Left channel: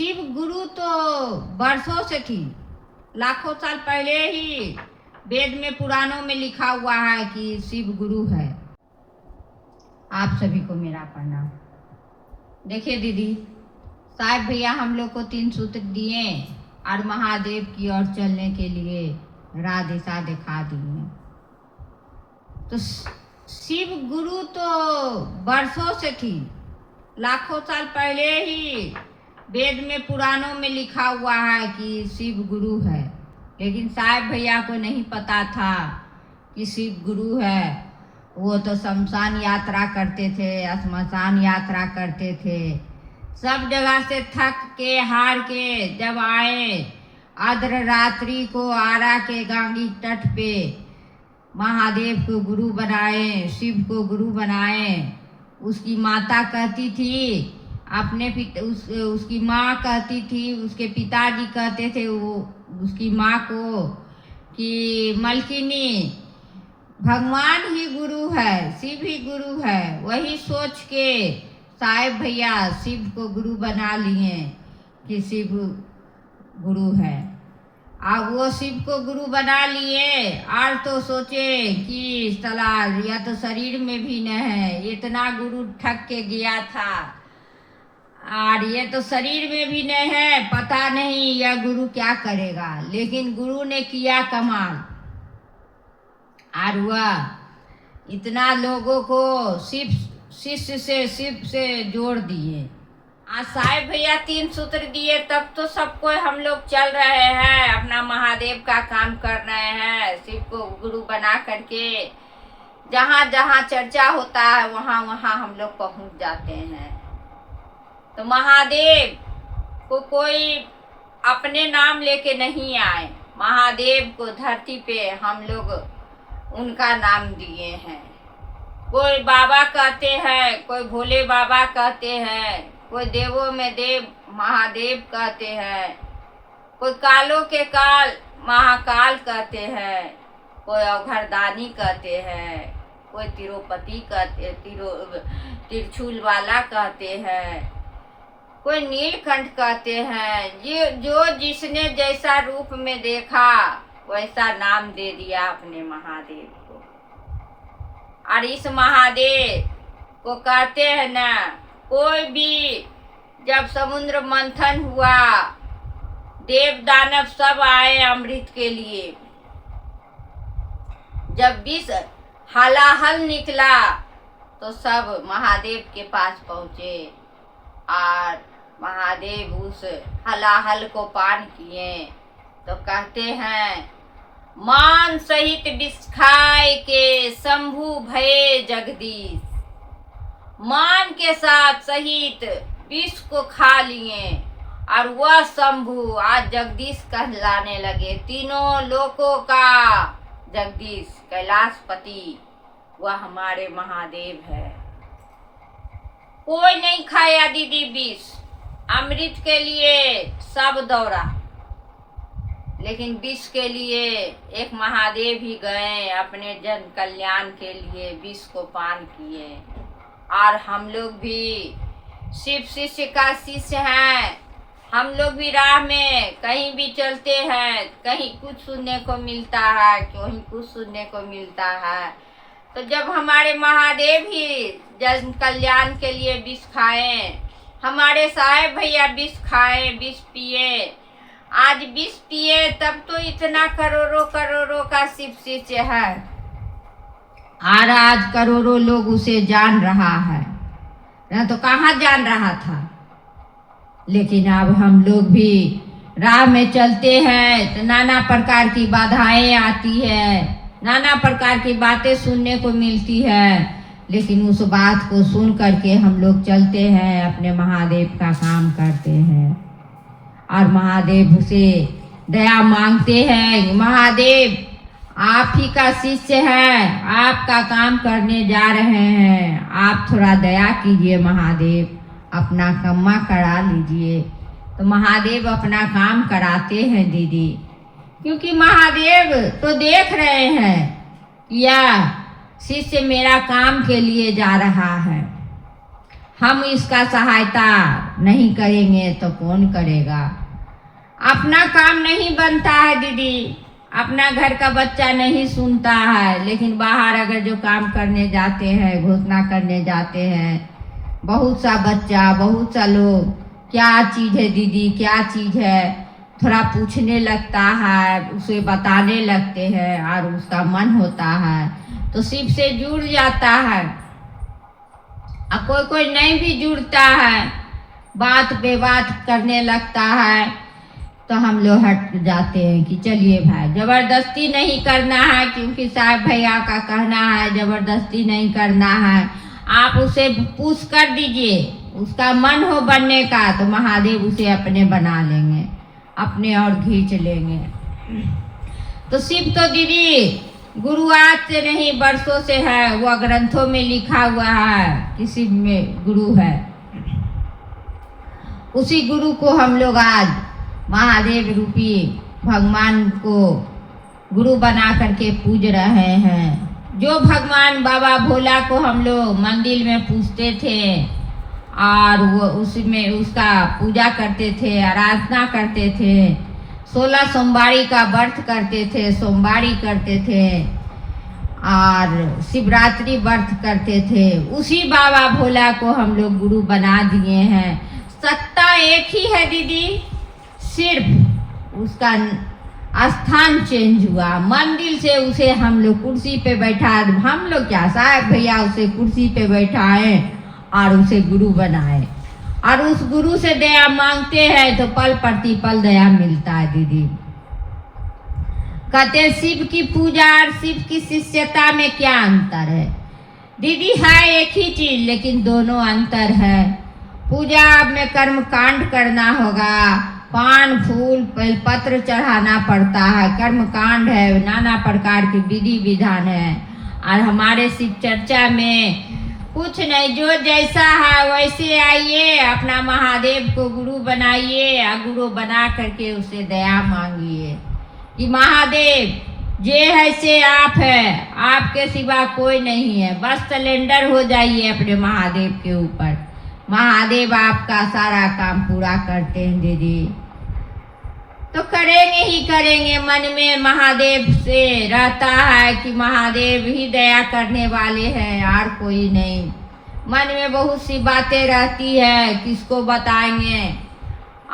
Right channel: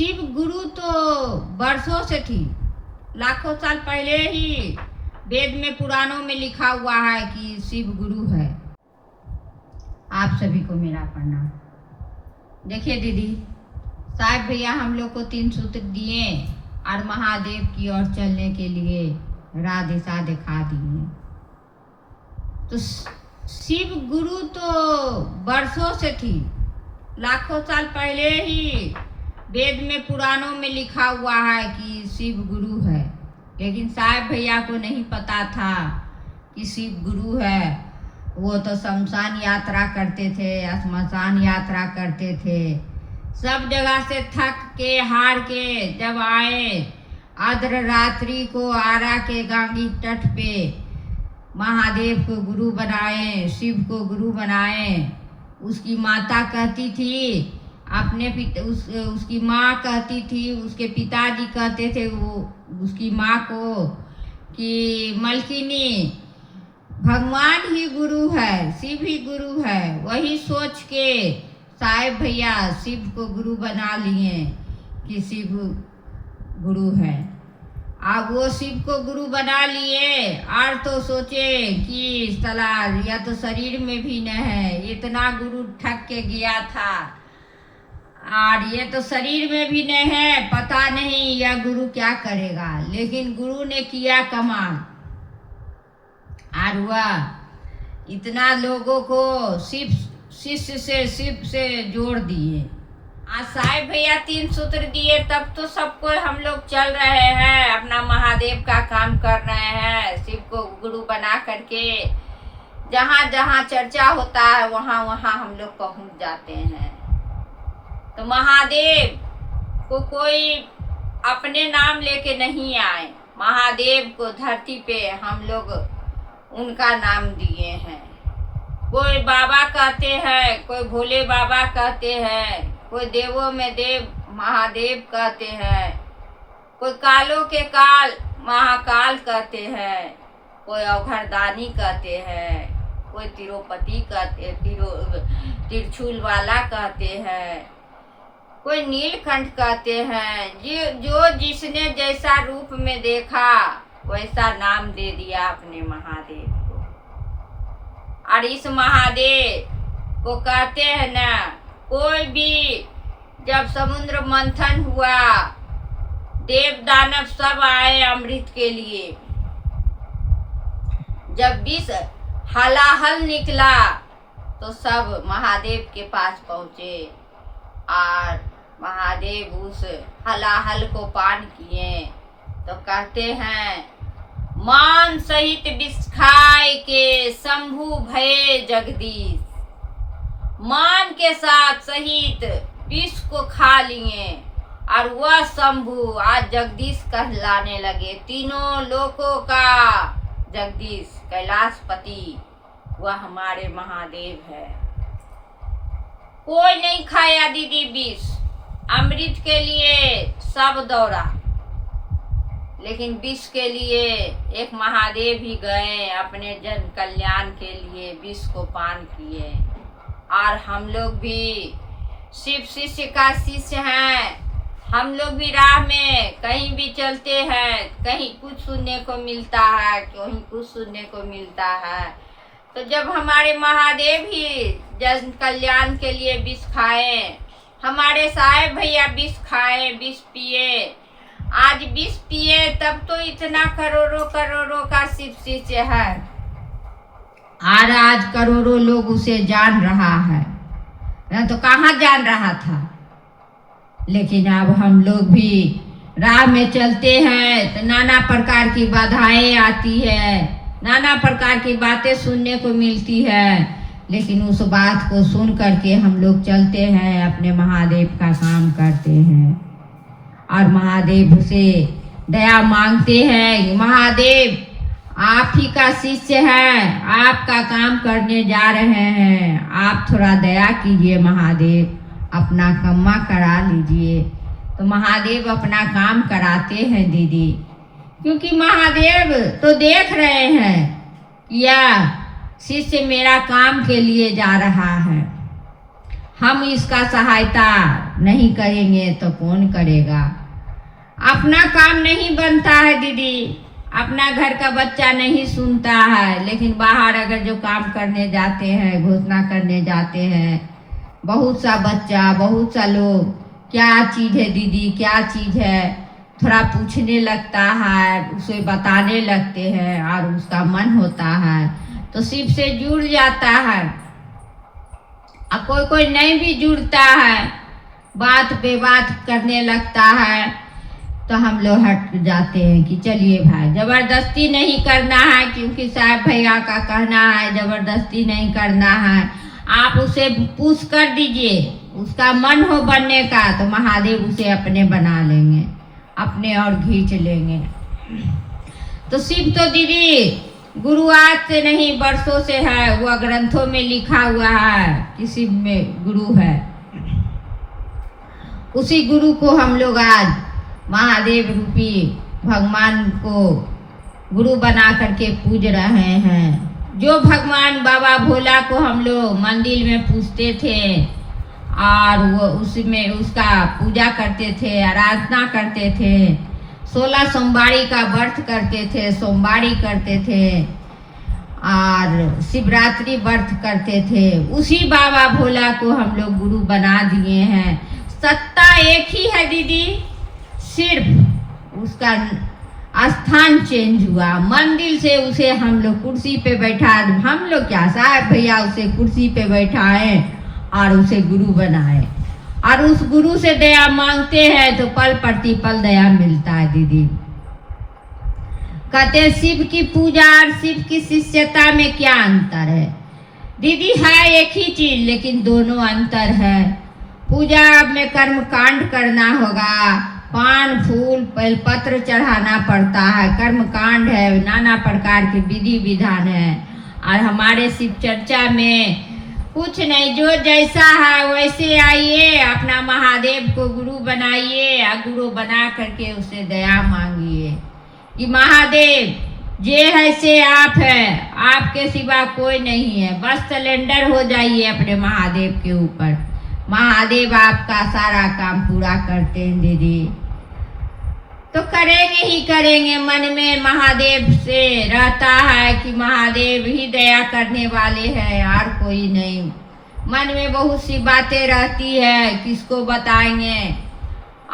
शिव गुरु तो बरसों से थी, लाखों साल पहले ही वेद में पुराणों में लिखा हुआ है कि शिव गुरु है। आप सभी को मेरा प्रणाम। देखिए दीदी, साहब भैया हम लोग को 3 सूत्र दिए और महादेव की ओर चलने के लिए राह दिशा दिखा दिए। तो शिव गुरु तो बरसों से थी, लाखों साल पहले ही वेद में पुराणों में लिखा हुआ है कि शिव गुरु है। लेकिन साहब भैया को नहीं पता था कि शिव गुरु है। वो तो शमशान यात्रा करते थे, श्मशान यात्रा करते थे, सब जगह से थक के हार के जब आए अर्ध रात्रि को आरा के गांगी तट पे महादेव को गुरु बनाए, शिव को गुरु बनाए। उसकी माता कहती थी अपने उसकी माँ कहती थी, उसके पिताजी कहते थे वो उसकी माँ को कि मलकिनी भगवान ही गुरु है, शिव ही गुरु है। वही सोच के साहेब भैया शिव को गुरु बना लिए कि शिव गुरु है। अब वो शिव को गुरु बना लिए और तो सोचे कि सला या तो शरीर में भी न है, इतना गुरु ठग के गया था और ये तो शरीर में भी नहीं है, पता नहीं यह गुरु क्या करेगा। लेकिन गुरु ने किया कमाल और वह इतना लोगों को शिष्य से जोड़ दिए। आज साहेब भैया 3 सूत्र दिए तब तो सबको हम लोग चल रहे हैं, अपना महादेव का काम कर रहे हैं। शिव को गुरु बना करके जहाँ जहाँ चर्चा होता है वहाँ वहाँ हम लोग पहुँच जाते हैं। तो महादेव को कोई अपने नाम लेके नहीं आए, महादेव को धरती पे हम लोग उनका नाम दिए हैं। कोई बाबा कहते हैं, कोई भोले बाबा कहते हैं, कोई देवों में देव महादेव कहते हैं, कोई कालों के काल महाकाल कहते हैं, कोई अवघरदानी कहते हैं, कोई तिरुपति कहते त्रिशूल वाला कहते हैं, कोई नीलकंठ कहते हैं। जो जिसने जैसा रूप में देखा वैसा नाम दे दिया अपने महादेव को। और इस महादेव को कहते हैं ना, कोई भी जब समुद्र मंथन हुआ, देव दानव सब आए अमृत के लिए, जब विष हलाहल निकला तो सब महादेव के पास पहुँचे और महादेव उस हलाहल को पान किए। तो कहते हैं मान सहित विष खाए के शंभु भये जगदीश। मान के साथ सहित विष को खा लिए और वह शंभु आज जगदीश कहलाने लगे। तीनों लोकों का जगदीश कैलाशपति वह हमारे महादेव है। कोई नहीं खाया दीदी विष, अमृत के लिए सब दौड़ा, लेकिन विष के लिए एक महादेव ही गए, अपने जन कल्याण के लिए विष को पान किए। और हम लोग भी शिव शिष्य का शिष्य हैं। हम लोग भी राह में कहीं भी चलते हैं, कहीं कुछ सुनने को मिलता है, कहीं कुछ सुनने को मिलता है। तो जब हमारे महादेव ही जन कल्याण के लिए विष खाए, हमारे साहेब भैया विष खाए, विष पिए, आज विष पिए तब तो इतना करोड़ों करोड़ों का शिव शिष्य है और आज करोड़ों लोग उसे जान रहा है, न तो कहाँ जान रहा था। लेकिन अब हम लोग भी राह में चलते हैं तो नाना प्रकार की बाधाएं आती है, नाना प्रकार की बातें सुनने को मिलती है। लेकिन उस बात को सुन करके हम लोग चलते हैं, अपने महादेव का काम करते हैं और महादेव से दया मांगते हैं। महादेव आप ही का शिष्य है, आपका काम करने जा रहे हैं, आप थोड़ा दया कीजिए महादेव, अपना कम्मा करा लीजिए। तो महादेव अपना काम कराते हैं दीदी, क्योंकि महादेव तो देख रहे हैं या शिष्य मेरा काम के लिए जा रहा है, हम इसका सहायता नहीं करेंगे तो कौन करेगा। अपना काम नहीं बनता है दीदी, अपना घर का बच्चा नहीं सुनता है, लेकिन बाहर अगर जो काम करने जाते हैं, घोषणा करने जाते हैं, बहुत सा बच्चा, बहुत सा लोग क्या चीज़ है दीदी, क्या चीज़ है, थोड़ा पूछने लगता है, उसे बताने लगते हैं और उसका मन होता है तो शिव से जुड़ जाता है। अब कोई कोई नहीं भी जुड़ता है, बात पे बात करने लगता है तो हम लोग हट जाते हैं कि चलिए भाई, जबरदस्ती नहीं करना है, क्योंकि साहब भैया का कहना है जबरदस्ती नहीं करना है। आप उसे पुश कर दीजिए, उसका मन हो बनने का तो महादेव उसे अपने बना लेंगे, अपने और खींच लेंगे। तो शिव तो दीदी गुरु आज से नहीं वर्षों से है, वह ग्रंथों में लिखा हुआ है कि शिव में गुरु है। उसी गुरु को हम लोग आज महादेव रूपी भगवान को गुरु बना करके पूज रहे हैं। जो भगवान बाबा भोला को हम लोग मंदिर में पूजते थे और वो उसमें उसका पूजा करते थे, आराधना करते थे, 16 सोमवारी का व्रत करते थे, सोमवारी करते थे और शिवरात्रि व्रत करते थे, उसी बाबा भोला को हम लोग गुरु बना दिए हैं। सत्ता एक ही है दीदी, सिर्फ उसका स्थान चेंज हुआ। मंदिर से उसे हम लोग कुर्सी पे बैठा, हम लोग क्या साहब भैया उसे कुर्सी पे बैठाए और उसे गुरु बनाए और उस गुरु से दया मांगते हैं तो पल प्रतिपल दया मिलता है दीदी। कहते शिव की पूजा और शिव की शिष्यता में क्या अंतर है दीदी? है एक ही चीज, लेकिन दोनों अंतर है। पूजा में कर्म कांड करना होगा, पान फूल बेलपत्र चढ़ाना पड़ता है, कर्म कांड है, नाना प्रकार के विधि विधान है। और हमारे शिव चर्चा में कुछ नहीं, जो जैसा है वैसे आइए, अपना महादेव को गुरु बनाइए और गुरु बना करके उसे दया मांगिए कि महादेव जे है से आप है, आपके सिवा कोई नहीं है। बस सिलेंडर हो जाइए अपने महादेव के ऊपर, महादेव आपका सारा काम पूरा करते हैं दीदी। तो करेंगे ही करेंगे, मन में महादेव से रहता है कि महादेव ही दया करने वाले हैं और कोई नहीं। मन में बहुत सी बातें रहती है, किसको बताएंगे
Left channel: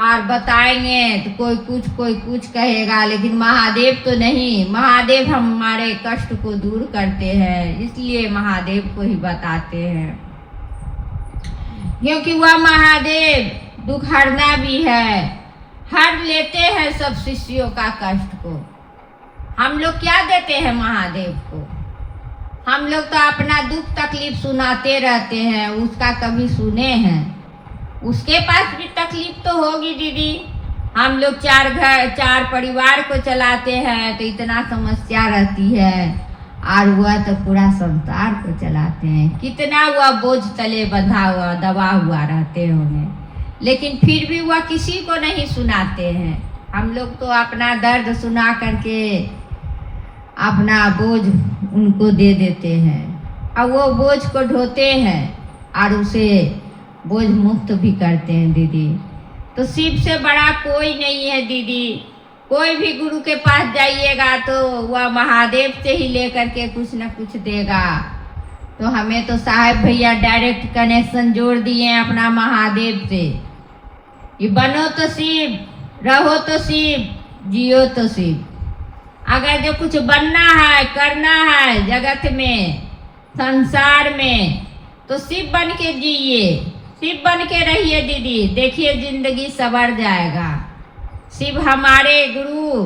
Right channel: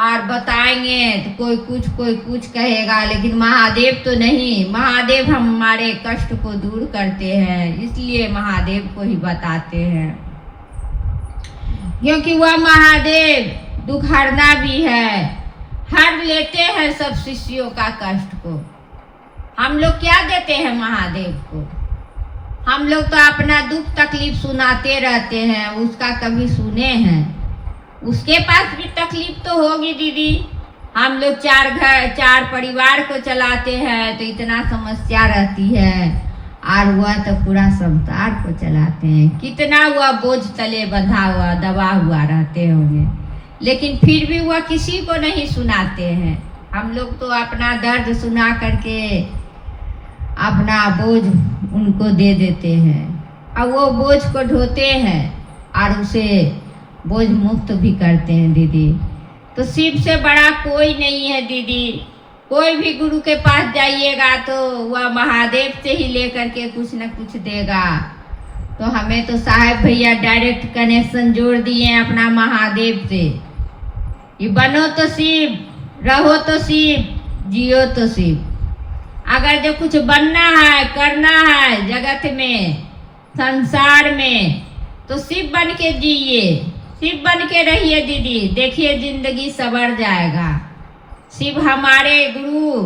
और बताएंगे तो कोई कुछ कहेगा, लेकिन महादेव तो नहीं। महादेव हमारे कष्ट को दूर करते हैं, इसलिए महादेव को ही बताते हैं, क्योंकि वह महादेव दुख हरना भी है, हर लेते हैं सब शिष्यों का कष्ट को। हम लोग क्या देते हैं महादेव को? हम लोग तो अपना दुख तकलीफ सुनाते रहते हैं, उसका कभी सुने हैं? उसके पास भी तकलीफ तो होगी दीदी। हम लोग 4 घर 4 परिवार को चलाते हैं तो इतना समस्या रहती है, और वह तो पूरा संसार को चलाते हैं, कितना वह बोझ तले बंधा हुआ दबा हुआ रहते होंगे, लेकिन फिर भी वह किसी को नहीं सुनाते हैं। हम लोग तो अपना दर्द सुना करके अपना बोझ उनको दे देते हैं और वो बोझ को ढोते हैं और उसे बोझ मुक्त भी करते हैं दीदी। तो शिव से बड़ा कोई नहीं है दीदी। कोई भी गुरु के पास जाइएगा तो वह महादेव से ही लेकर के कुछ न कुछ देगा। तो हमें तो साहब भैया डायरेक्ट कनेक्शन जोड़ दिए अपना महादेव से। ये बनो तो शिव, रहो तो शिव, जियो तो शिव। अगर जो कुछ बनना है करना है जगत में संसार में तो शिव बन के जिए, शिव बन के रहिए दीदी, देखिए जिंदगी संवर जाएगा। शिव हमारे गुरु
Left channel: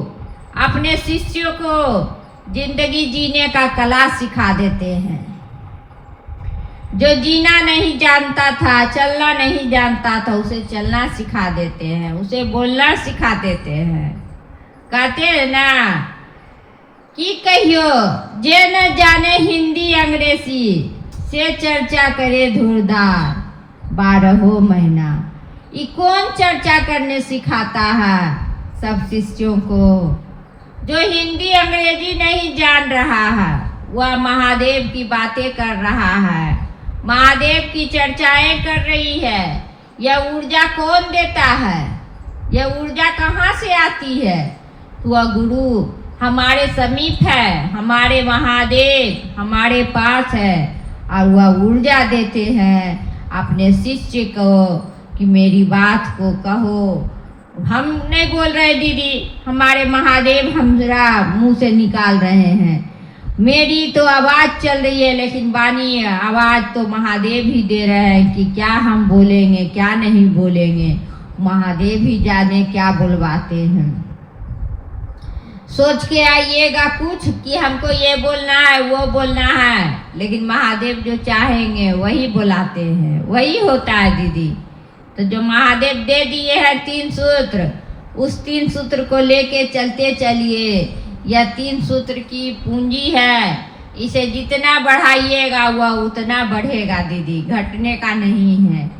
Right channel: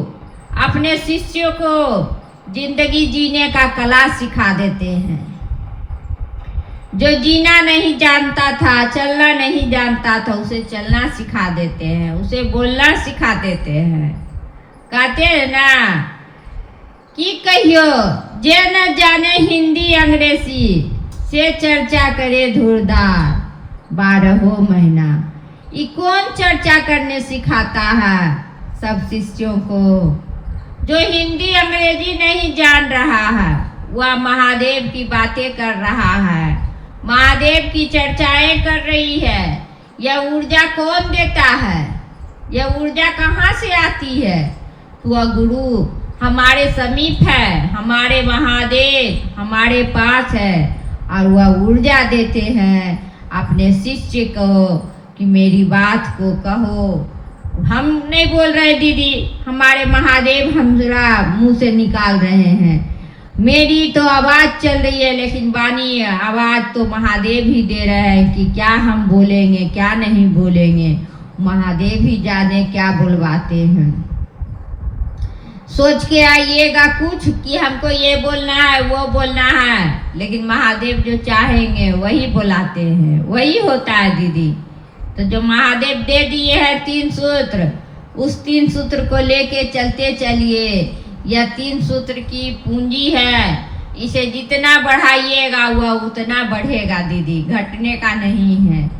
अपने शिष्यों को जिंदगी जीने का कला सिखा देते हैं। जो जीना नहीं जानता था, चलना नहीं जानता था, उसे चलना सिखा देते हैं, उसे बोलना सिखा देते हैं। कहते हैं ना कि कहियो जे न जाने हिंदी अंग्रेजी से चर्चा करे धुरदार 12 महीना। ये कौन चर्चा करने सिखाता है सब शिष्यों को? जो हिंदी अंग्रेजी नहीं जान रहा है वह महादेव की बातें कर रहा है, महादेव की चर्चाएं कर रही है। यह ऊर्जा कौन देता है? यह ऊर्जा कहाँ से आती है? वह गुरु हमारे समीप है, हमारे महादेव हमारे पास है और वह ऊर्जा देते हैं अपने शिष्य को कि मेरी बात को कहो। हम नहीं बोल रहे दीदी, हमारे महादेव हमरा मुंह से निकाल रहे हैं। मेरी तो आवाज़ चल रही है, लेकिन वाणी आवाज़ तो महादेव ही दे रहे हैं कि क्या हम बोलेंगे क्या नहीं बोलेंगे। महादेव ही जाने क्या बुलवाते हैं। सोच के आइएगा कुछ कि हमको ये बोलना है वो बोलना है, लेकिन महादेव जो चाहेंगे वही बुलाते हैं, वही होता है दीदी। तो जो महादेव दे दिए हैं 3 सूत्र, उस 3 सूत्र को लेके चलते चलिए। यह 3 सूत्र की पूंजी है, इसे जितना बढ़ाइएगा वह उतना बढ़ेगा दीदी, घटने का नहीं है।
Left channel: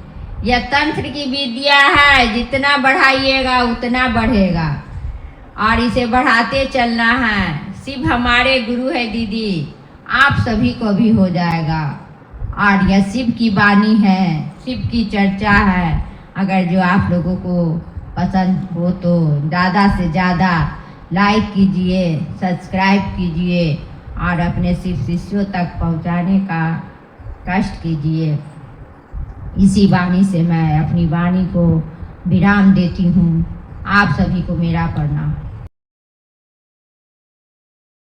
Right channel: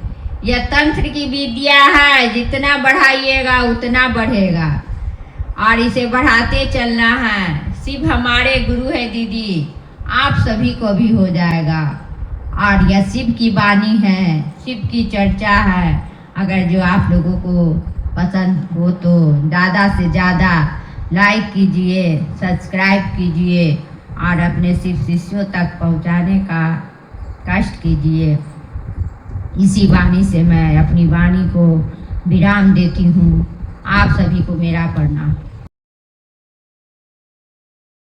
यह तंत्र की विद्या है, जितना बढ़ाइएगा उतना बढ़ेगा और इसे बढ़ाते चलना है। शिव हमारे गुरु है दीदी, आप सभी को भी हो जाएगा। और यह शिव की वाणी है, शिव की चर्चा है। अगर जो आप लोगों को पसंद हो तो ज़्यादा से ज़्यादा लाइक कीजिए, सब्सक्राइब कीजिए और अपने शिव शिष्यों तक पहुंचाने का कष्ट कीजिए। इसी वाणी से मैं अपनी वाणी को विराम देती हूँ। आप सभी को मेरा प्रणाम।